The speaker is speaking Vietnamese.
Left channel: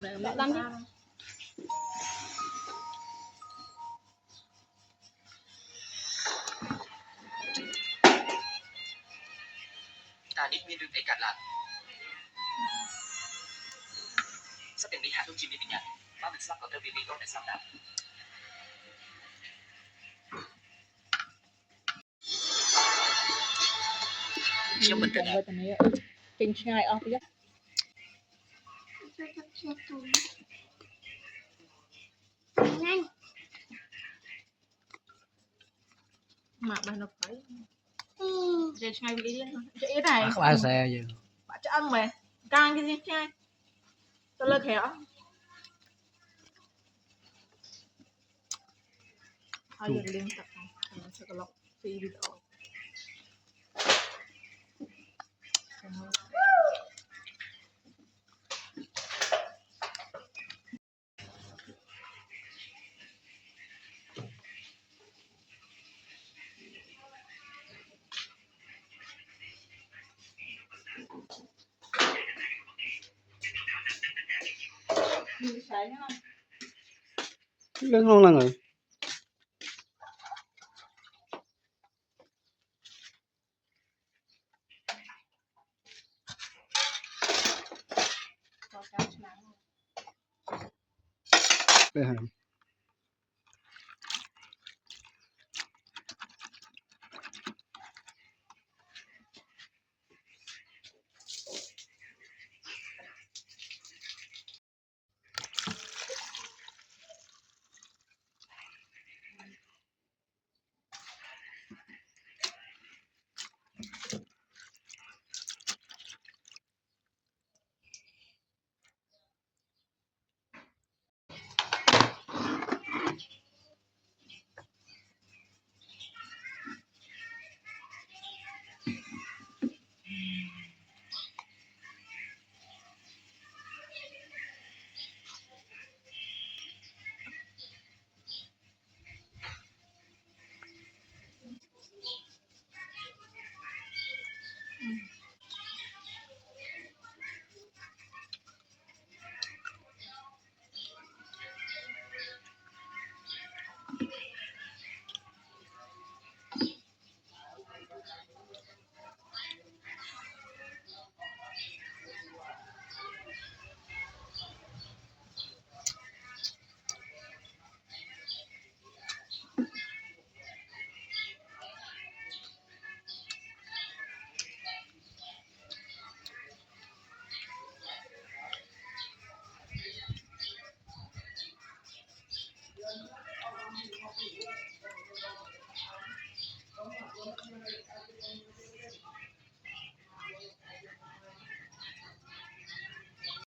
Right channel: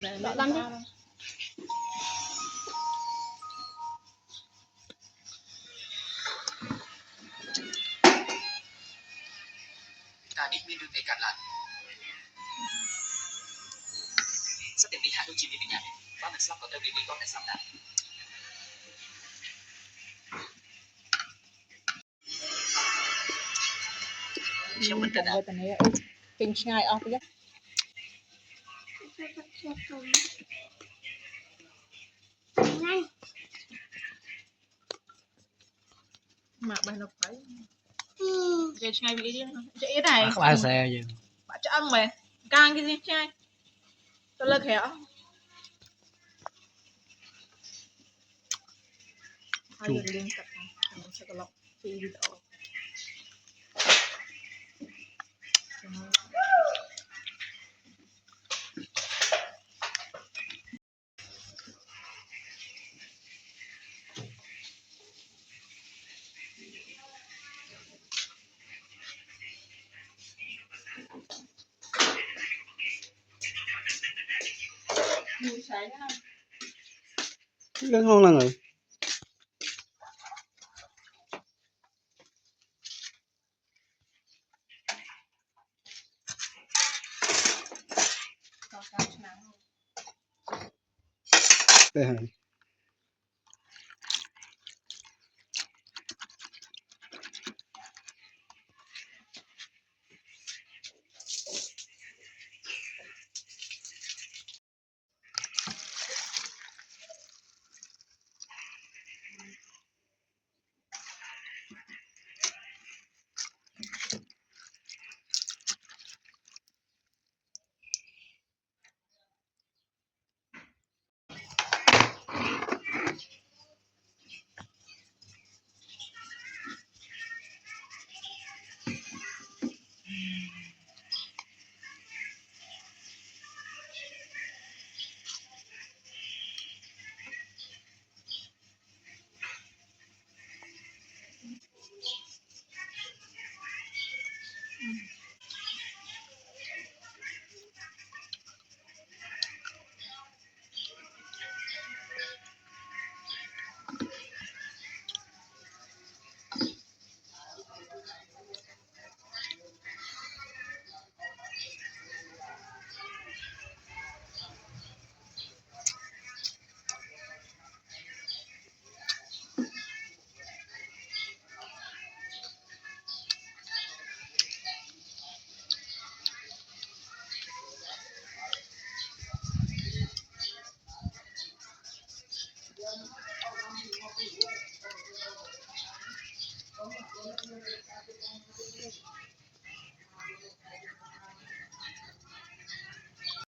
Mẹ lăn đi. Ta biết miên đương tay cạn lại. Sắp đến Mỹ hạ đôi chim đi nhà. Ba mình sắp có tờ đi con để sắp đã.ខ្ញុំមិនគិតថា ពេញឆ្ងាយអស់ទៀតមកបេះនៅព្រៃចេះឆ្ងាយពីទៀតចេះអីដែរ ក្បាលសែយើង បាក់ឆ្អឹងមែនកាងគេឆ្ងាយទៅលើក្រៅហើយយើងលេងទឹកខ្ញុំឆឹកឡុកពីវីដេអូនេះឆែកណា lên không là người có cái nào đây hả